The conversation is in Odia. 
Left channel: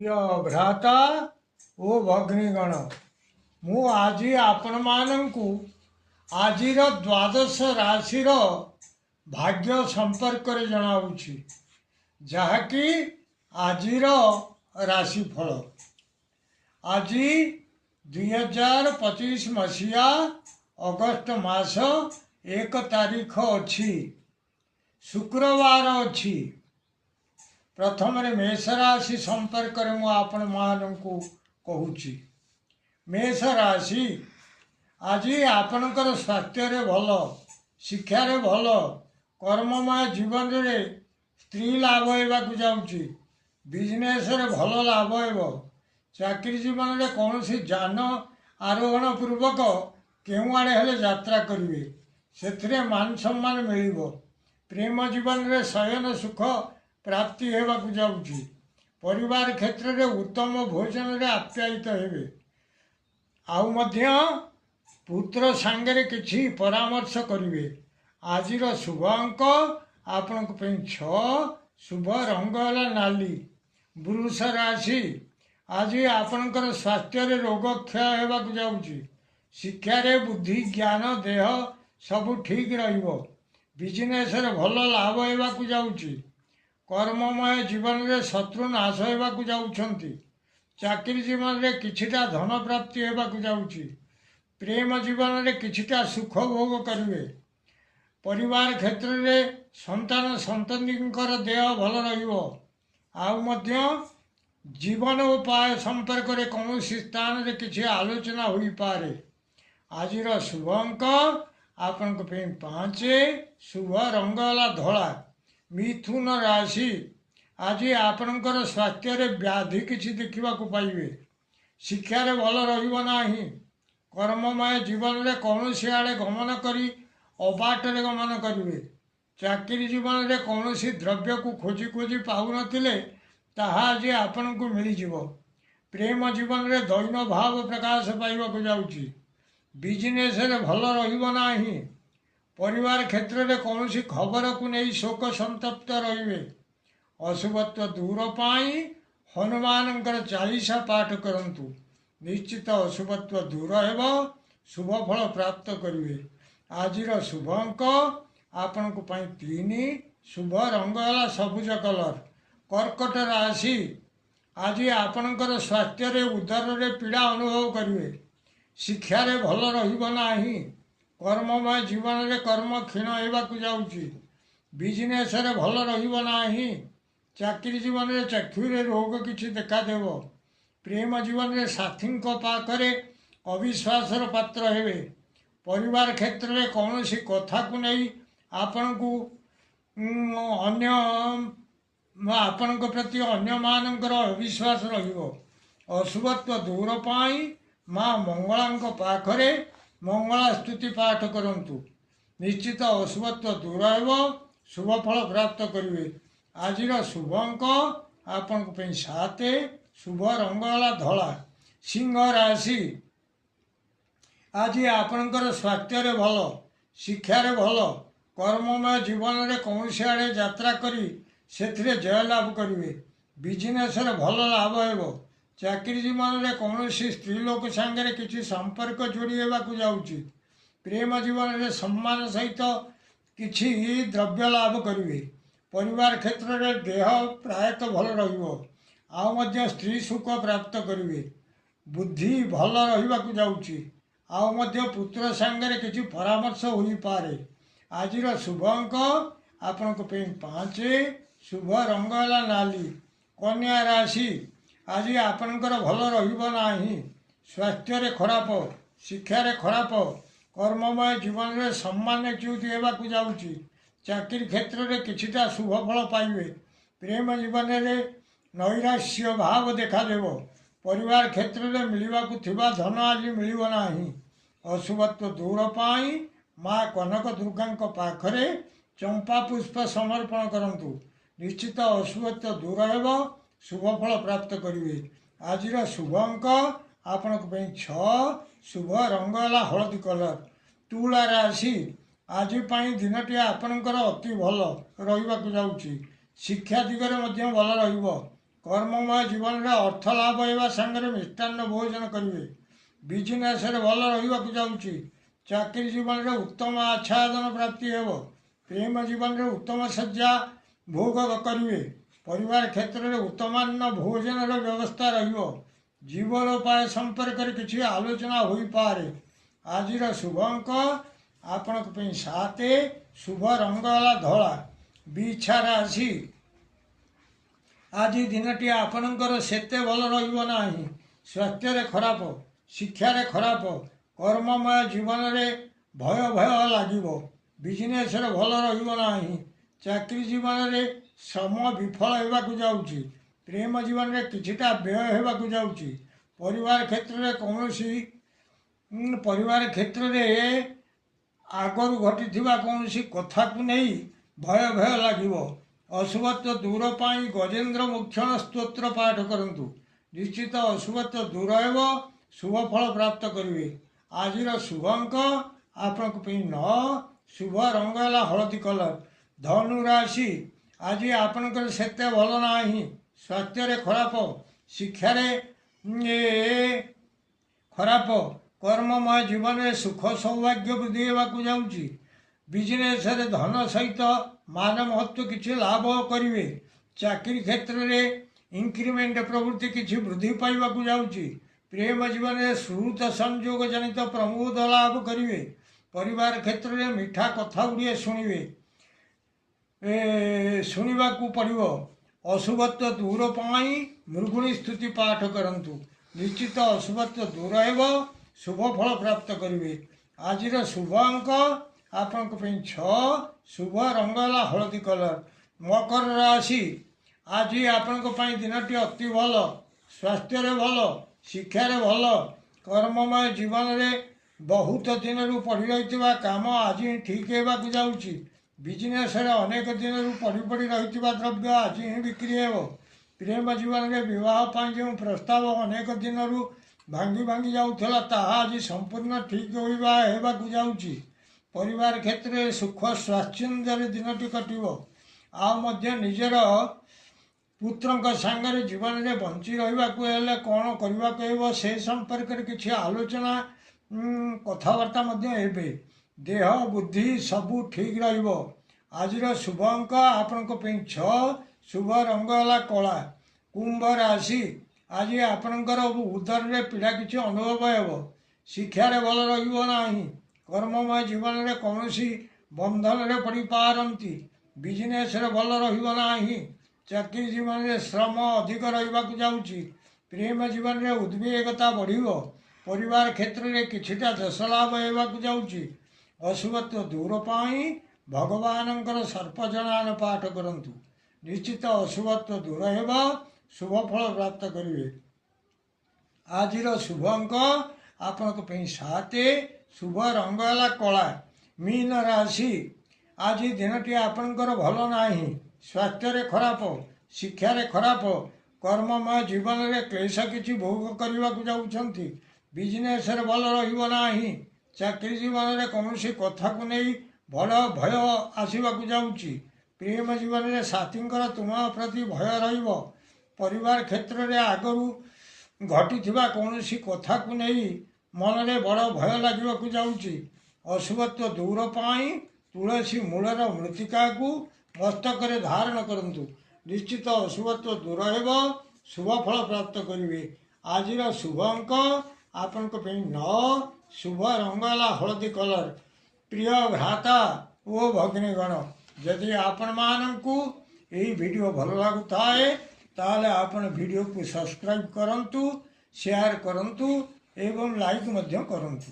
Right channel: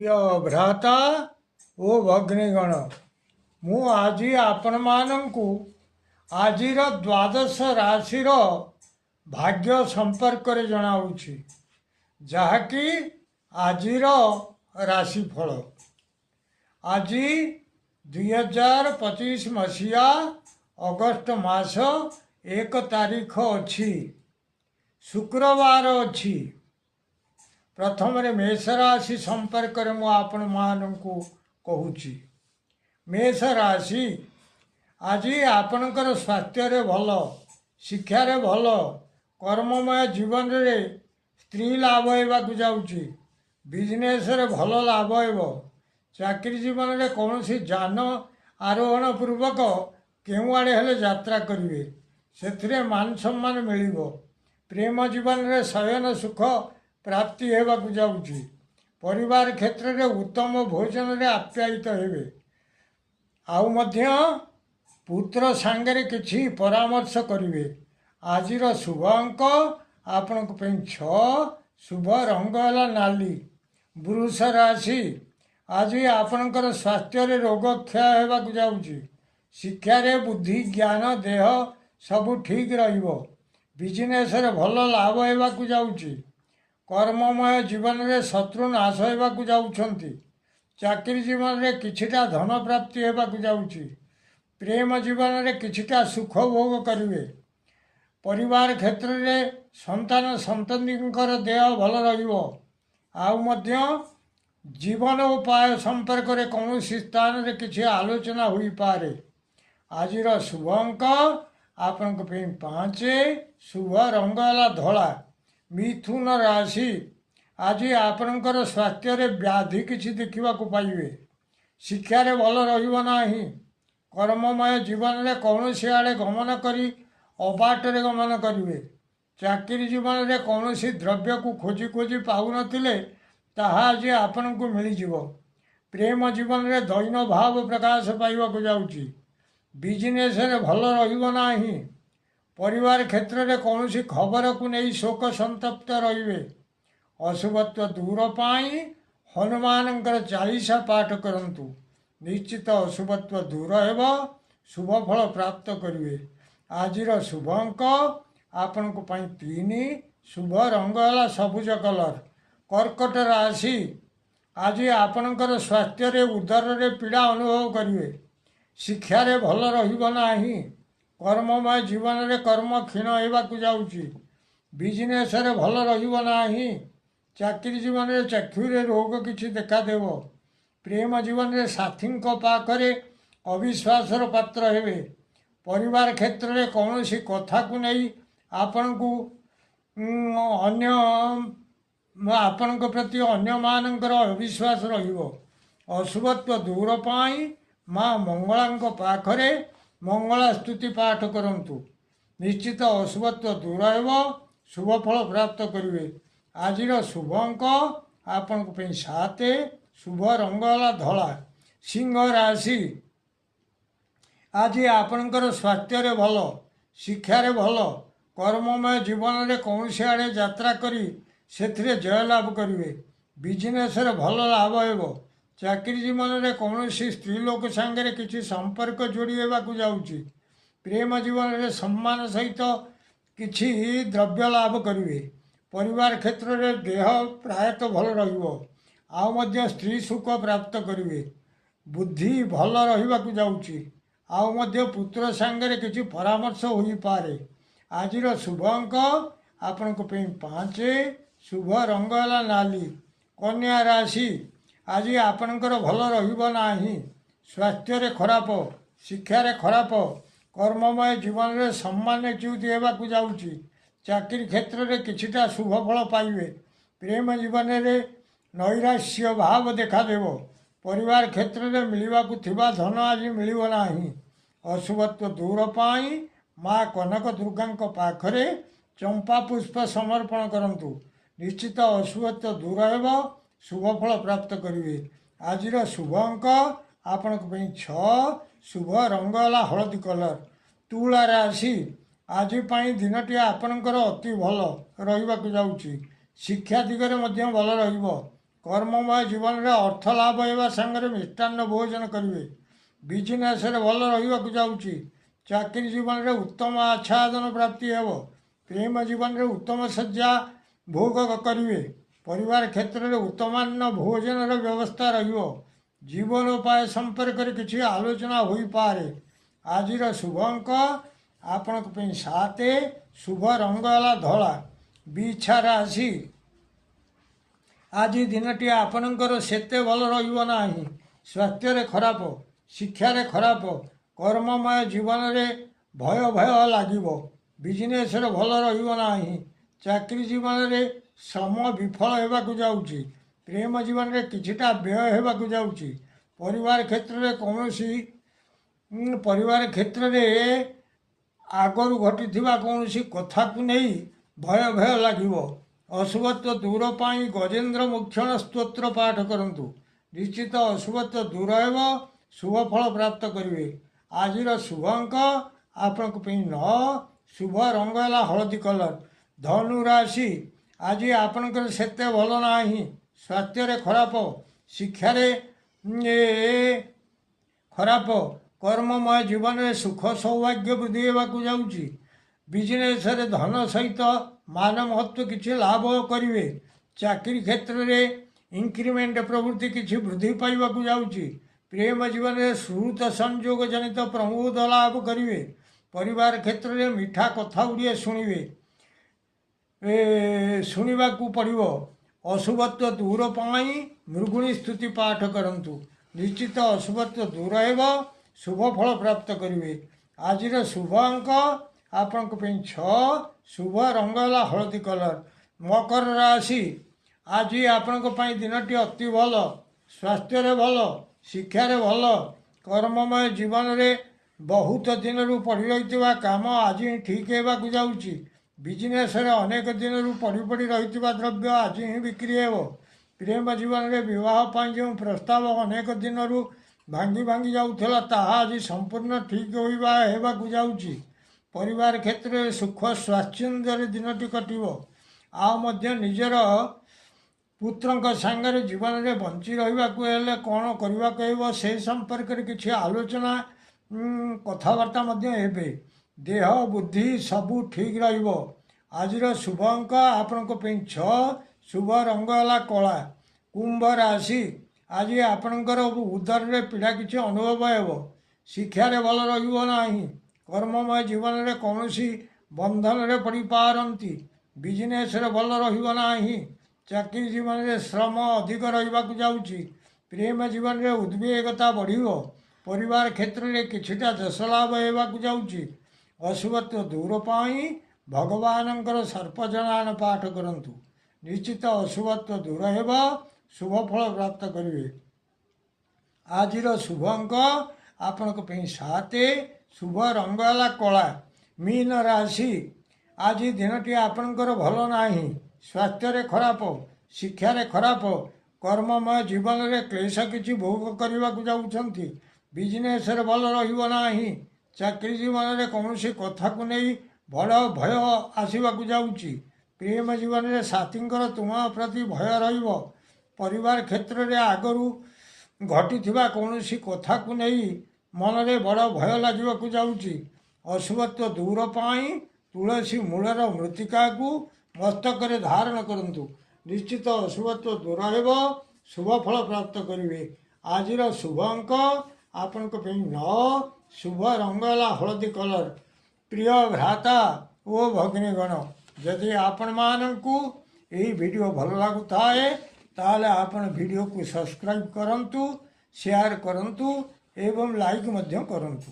भ्राता ओ भग्नीगण मु आज आपण मानू आज द्वादश राशि भाग्य संपर्क जनाऊँगी जहाँकि आज राशिफल आज 2025 मसीहा अगस्ट मास 1 तारीख अच्छी शुक्रवार अच्छी प्रथम मेष राशि संपर्क मुझे मानू कहूँ मेष राशि आज आपणकर स्वास्थ्य भल शिक्षार भल कर्ममय जीवन रे स्त्री लाभ होगा जाऊँगी बिजनेस भल लाभ हो चाकरी जीवन में कौन सी जान आरोहण पूर्वक केउ आड़े हेले यात्रा करेंगे से मान सम्मान मिल प्रेम जीवन में शयन सुख प्राप्ति होगा जाऊँगी परिवार क्षेत्र में उत्तम भोजन रे आप्यायित हेबे आउ मध्य पुत्र सांगरे किछि परामर्श करिवे आजिर शुभ अंक आपण 6 शुभ रंग है नाली वृष राशि आज आपणकर स्वास्थ्य रोग क्षय होगा जाऊँगी शिक्षार बुद्धि ज्ञान देह सबू ठीक रहिबो बिजनेस भल लाभ होगा जाऊँगी कर्ममय जीवन में शत्रु नाश होगा जाऊँगी चाकरी जीवन में किछिटा धन प्राप्ति होगा जाऊँगी प्रेम जीवन में किछिटा सुख भोग करेंगे परिवार क्षेत्र में संतान संततिंकर देह भल रहिबो आउ मध्य जीवन उपाय संपर्क में कौन स्थान रे किछि आलोचना होई पारे आजिर शुभ अंक आपण 5 शुभ रंग है धला मिथुन राशि आज आपणकर स्वास्थ्य व्याधि किछि देखा पाइबे शिक्षार भल रहिबो नाही कर्ममय जीवन में कौन सी आड़े गमन करी अबाटरे गमन करेंगे चाकरी जीवन में कौन सी द्रव्य को खोजी खोजी पाऊन ताहा आज आपण को मिल प्रेम जीवन में दैन्य भाव प्रकाश पाइबा जाऊँगी बिजनेस भल रही परिवार क्षेत्र में कौन सी खबर को नहीं शोक संतप्त रे अशुभत्व दूर पाई हनुमान 40 पाठ करंतु निश्चित अशुभत्व दूर हो शुभ फल प्राप्त करेंगे आजिर शुभ अंक आपण 3 शुभ रंग है सबुज कलर कर्कट राशि आज आपणकर स्वास्थ्य उदर रे पीड़ा अनुभव करेंगे शिक्षार भल रहा कर्ममय जीवन में कर्म क्षीण होगा जाऊँगी बिजनेस भल रहा चाकरी जीवन में चक्षुरे रोग किसी देखादेव प्रेम जीवन में साथी पाखरे अविश्वासर पात्र हेबे परिवार क्षेत्र में कौन सी कथा को नहीं आपण को अन्य आपण प्रति अन्य मानकर अविश्वास रहिबो अशुभत्व दूर पाई माँ मंगला पाखरे मंगला स्तुति पाठ करंतु निश्चित अशुभत्व दूर हो शुभ फल प्राप्त करेंगे आजिर शुभ अंक आपण 7 शुभ रंग है धला सिंह राशि आज आपणकर स्वास्थ्य भल शिक्षार भल कर्ममय जीवन में कौन सी आड़े यात्रा करी से जय लाभ करेंगे बिजनेस भल लाभ हो चाकरी जीवन में कौन सी स्त्री लोक सांगे किसी संपर्क जोड़ी होगा जाऊँगी प्रेम जीवन में सम्मान सहित किसी द्रव्य लाभ करेंगे परिवार क्षेत्र में देह प्रायतः भल रहा स्त्री सुख प्राप्त करेंगे बुद्धि भल रहा जाऊँगी आउ मध्य पुत्र सांगे किसी परामर्श हो पारे आजिर शुभ अंक आपण 5 शुभ रंग है नाली कन्या राशि आज आपणकर भल रहा स्वास्थ्य खराब शिक्षार खराब कर्ममय जीवन में सम्मानच्युत होगा जाऊँगी चाकरी क्षेत्र में किछिटा शुभ फल पाइबे प्रेम जीवन में नैराश्य भाव देखादेव परिवार क्षेत्र में मिलवाकू धन आज मिलना अशुभत्व दूर पाई माँ कनक दुर्गा पाखरे चंपा पुष्प समर्पण करंतु निश्चित अशुभत्व दूर हो शुभ फल प्राप्त करेंगे आजिर शुभ अंक आपण 6 शुभ रंग है हलदी कलर तुला राशि आज दिनटी आपणकर अति भल रही जाऊँगी शिक्षा दिगरे भल କର୍ମମୟ ଜୀବନରେ ଅର୍ଥ ଲାଭ ହେବା ସାଙ୍ଗରେ ମିଷ୍ଟାନ୍ନ ଭୋଜନ କରିବେ। ବିଜନେସ୍ରେ ଭଲ ରହିବାକୁ ଯାଉଛି। ଚାକିରି ଜୀବନରେ ଉତ୍ତମ ଆଚ୍ଛାଦନ ପ୍ରାପ୍ତି ହେବ। ପ୍ରେମ ଜୀବନରେ ଉତ୍ତମ ଶଯ୍ୟା ଭୋଗ କରିବେ। ପରିବାର କ୍ଷେତ୍ରରେ ଉତ୍ତମାନ୍ନ ଭୋଜନର ବ୍ୟବସ୍ଥା ରହିବ। ଜୀବନୋପାୟ ସମ୍ପର୍କରେ କିଛି ଆଲୋଚନା ହୋଇପାରେ। ଆଜିର ଶୁଭ ଅଙ୍କ ଆପଣଙ୍କ ପାଇଁ 7। ଶୁଭ ରଙ୍ଗ ହେଲା ଧଳା। ବିଛା ରାଶି, ଆଜି ଦିନଟି ଆପଣଙ୍କର ସେତେ ଭଲ ରହିବ ନାହିଁ। ସ୍ୱାସ୍ଥ୍ୟରେ ଖରାପ, ଶିକ୍ଷାରେ ଖରାପ, କର୍ମମୟ ଜୀବନରେ ଭୟ ଲାଗିବ। ବିଜନେସ୍ରେ ଭଲ ରହିବ ନାହିଁ। ଚାକିରି ଜୀବନରେ ଶ୍ରମ ବିଫଳ ହେବାକୁ ଯାଉଛି। ପ୍ରେମ ଜୀବନରେ କିଛିଟା ବ୍ୟୟ ହେବାକୁ ଯାଉଛି। ପରିବାର କ୍ଷେତ୍ରରେ ଆଗରୁ ଘଟିଥିବା କୌଣସି କଥାକୁ ନେଇ ଭୟ ଲାଗିବ। ଅଶୁଭତ୍ୱ ଦୂର ପାଇଁ ଗଜେନ୍ଦ୍ର ମୋକ୍ଷଣ ସ୍ତୋତ୍ର ପାଠ କରନ୍ତୁ। ନିଶ୍ଚିତ ଅଶୁଭତ୍ୱ ଦୂର ହେବ। ଶୁଭ ଫଳ ପ୍ରାପ୍ତ କରିବେ। ଆଜିର ଶୁଭ ଅଙ୍କ ଆପଣଙ୍କ ପାଇଁ 9। ଶୁଭ ରଙ୍ଗ ହେଲା ହଳଦୀ କଲର। ଧନୁ ରାଶି, ଆଜି ଆପଣଙ୍କର ସେତେ ଭଲ ନାହିଁ। ସ୍ୱାସ୍ଥ୍ୟରେ ଖରାପ, ଶିକ୍ଷାରେ ଖରାପ, କର୍ମମୟ ଜୀବନରେ ସୁଖ ସୌଭାଗ୍ୟ ବୃଦ୍ଧି ହେବାକୁ ଯାଉଛି। ବିଜନେସ୍ରେ ଧନ ସହିତ ମାନ ମହତ୍ତ୍ୱ କିଛି ଲାଭ କରିବେ। ଚାକିରି କ୍ଷେତ୍ରରେ ଇନକ୍ରିମେଣ୍ଟ ପ୍ରଭୃତି କିଛି ବୃଦ୍ଧି ପାଇବାକୁ ଯାଉଛି। ପ୍ରେମ ଜୀବନରେ ସୁହୃତ ସଂଯୋଗ ଜନିତ ପ୍ରମୋଦ ଲାଭ କରିବେ। ପରିବାର କ୍ଷେତ୍ରରେ ମିଠା କଥା ଗୁଡ଼ିଏ ଶୁଣିବାକୁ ପଡ଼ିବ। ଅଶୁଭତ୍ୱ ଦୂର ପାଇଁ ମୃଗୁଣୀ ସ୍ତୁତି ପାଠ କରନ୍ତୁ। ନିଶ୍ଚିତ ଅଶୁଭତ୍ୱ ଦୂର ହେବ। ଶୁଭ ଫଳ ପ୍ରାପ୍ତ କରିବେ। ଆଜିର ଶୁଭ ଅଙ୍କ ଆପଣଙ୍କ ପାଇଁ 6। ଶୁଭ ରଙ୍ଗ ହେଲା ହଳଦୀ କଲର। ମକର ରାଶି, ଆଜି ଆପଣଙ୍କ ପାଇଁ ଦିନଟି ଅତି ଭଲ। ସ୍ୱାସ୍ଥ୍ୟରେ ଭଲ, ଶିକ୍ଷାରେ ଭଲ, କର୍ମମୟ ଜୀବନରେ ବହୁତ ଦିନରୁ ପଡ଼ି ରହିଥିବା କାମ ଆଜି ଠିକ୍ ହେବାକୁ ଯାଉଛି। ବିଜନେସ୍ରେ ଅନେକ ଦିନରୁ ପଡ଼ି ରହିଥିବା ଦ୍ରବ୍ୟ ଆଜି ହିଁ ବିକ୍ରି ହେବ। ପ୍ରେମ ଜୀବନରେ ବିବାହ ପାଇଁ ଯେଉଁ ପ୍ରସ୍ତାବ ଅନେକ ଦିନରୁ ଭାଙ୍ଗି ଯାଉଥିଲା ତାହା ଆଜି ସମ୍ପୂର୍ଣ୍ଣ ଠିକ୍ ହେବାକୁ ଯାଉଛି। ପରିବାର କ୍ଷେତ୍ରରେ ସୁଖ ସ୍ୱାଚ୍ଛନ୍ଦ୍ୟରେ ଦିନଟି କଟିବ। ଆଉ ମଧ୍ୟ ନିଜର ପୁତ୍ରଙ୍କ ସାଙ୍ଗରେ ଜୀବନରେ ବଞ୍ଚି ରହିବାକୁ ହେଲେ କ'ଣ କରିବାକୁ ହେବ ସେ ସମ୍ପର୍କରେ କିଛି ଆଲୋଚନା କଥାବାର୍ତ୍ତା ମଧ୍ୟ ହେବେ। ଦେହ ବୁଦ୍ଧି ସବୁ ଠିକ୍ ରହିବ। ଆଜିର ଶୁଭ ଅଙ୍କ ଆପଣଙ୍କ ପାଇଁ 6। ଶୁଭ ରଙ୍ଗ ହେଲା କଳା। କୁମ୍ଭ ରାଶି, ଆଜି ଆପଣଙ୍କର ଉଦରରେ ପୀଡ଼ା କିଛି ଅନୁଭବ ହେବ। ଶିକ୍ଷାରେ ଭଲ ରହିବ ନାହିଁ। କର୍ମମୟ ଜୀବନରେ କୌଣସି ବନ୍ଧନରେ ପଡ଼ିପାରନ୍ତି। ବିଜନେସ୍ରେ ଭଲ ରହିବ ନାହିଁ। ଚାକିରି ଜୀବନରେ ଶ୍ରମ ଅଧିକ ରହିବାକୁ ଯାଉଛି। ପ୍ରେମ ଜୀବନରେ ଉଦ୍ବେଗତା ବଢ଼ିବ। ପରିବାର କ୍ଷେତ୍ରରେ କିଛିଟା ଯଶ ଲାଭ ହେବାକୁ ଯାଉଛି। ଅଶୁଭତ୍ୱ ଦୂର ପାଇଁ ଭଗବାନଙ୍କର ସର୍ପଜନାନ ପାଠ କରନ୍ତୁ। ନିଶ୍ଚିତ ଅଶୁଭତ୍ୱ ଦୂର ହେବ। ଶୁଭ ଫଳ ପ୍ରାପ୍ତ କରିବେ। ଆଜିର ଶୁଭ ଅଙ୍କ ଆପଣଙ୍କ ପାଇଁ 7। ଶୁଭ ରଙ୍ଗ ହେଲା କଳା। ମୀନ ରାଶି, ଆଜି ଦିନଟି ଆପଣଙ୍କର ଭଲ ନାହିଁ। ସ୍ୱାସ୍ଥ୍ୟରେ ଖରାପ, ଶିକ୍ଷାରେ ଖରାପ, କର୍ମମୟ ଜୀବନରେ କ୍ଲେଶ କିଛି ଭୋଗ କରିବାକୁ ଯାଉଛନ୍ତି। ବିଜନେସ୍ରେ ଭଲ ରହିବ ନାହିଁ। ଚାକିରି ଜୀବନରେ କୌଣସି କଥାକୁ ନେଇ ବଡ଼ ଭୟ ଆସିବାକୁ ଯାଉଛି। ପ୍ରେମ ଜୀବନରେ ସାଥୀଙ୍କର ତୁମ ପ୍ରତି ଭୟ ରହିବ। ପରିବାର କ୍ଷେତ୍ରରେ ଆଗରୁ ଘଟିଥିବା କୌଣସି କଥାକୁ ନେଇ ମନରେ ବଡ଼ ଭୟ ଲାଗିବାକୁ ଯାଉଛି। ଅଶୁଭତ୍ୱ ଦୂର ପାଇଁ ତୁଳସୀ ମୂଳର ମୃତ୍ତିକାକୁ ମସ୍ତକରେ ଧାରଣ କରନ୍ତୁ। ନିଶ୍ଚିତ ଅଶୁଭତ୍ୱ ଦୂର ହେବ। ଶୁଭ ଫଳ ପ୍ରାପ୍ତ କରିବେ। ଆଜିର ଶୁଭ ଅଙ୍କ ଆପଣଙ୍କ ପାଇଁ 9। ଶୁଭ ରଙ୍ଗ ହେଲା ହଳଦୀ କଲର। ପ୍ରିୟ ଭ୍ରାତା ଓ ଭଗ୍ନୀଗଣ, ଯଦି ଆପଣମାନଙ୍କୁ ଏହି ଭିଡ଼ିଓ ଭଲ ଲାଗୁଥାଏ ତାହେଲେ ଆପଣ ଭିଡ଼ିଓକୁ ସବସ୍କ୍ରାଇବ୍ କରନ୍ତୁ, ସେୟାର କରନ୍ତୁ ଏବଂ ଲାଇକ୍ ମଧ୍ୟ କରନ୍ତୁ।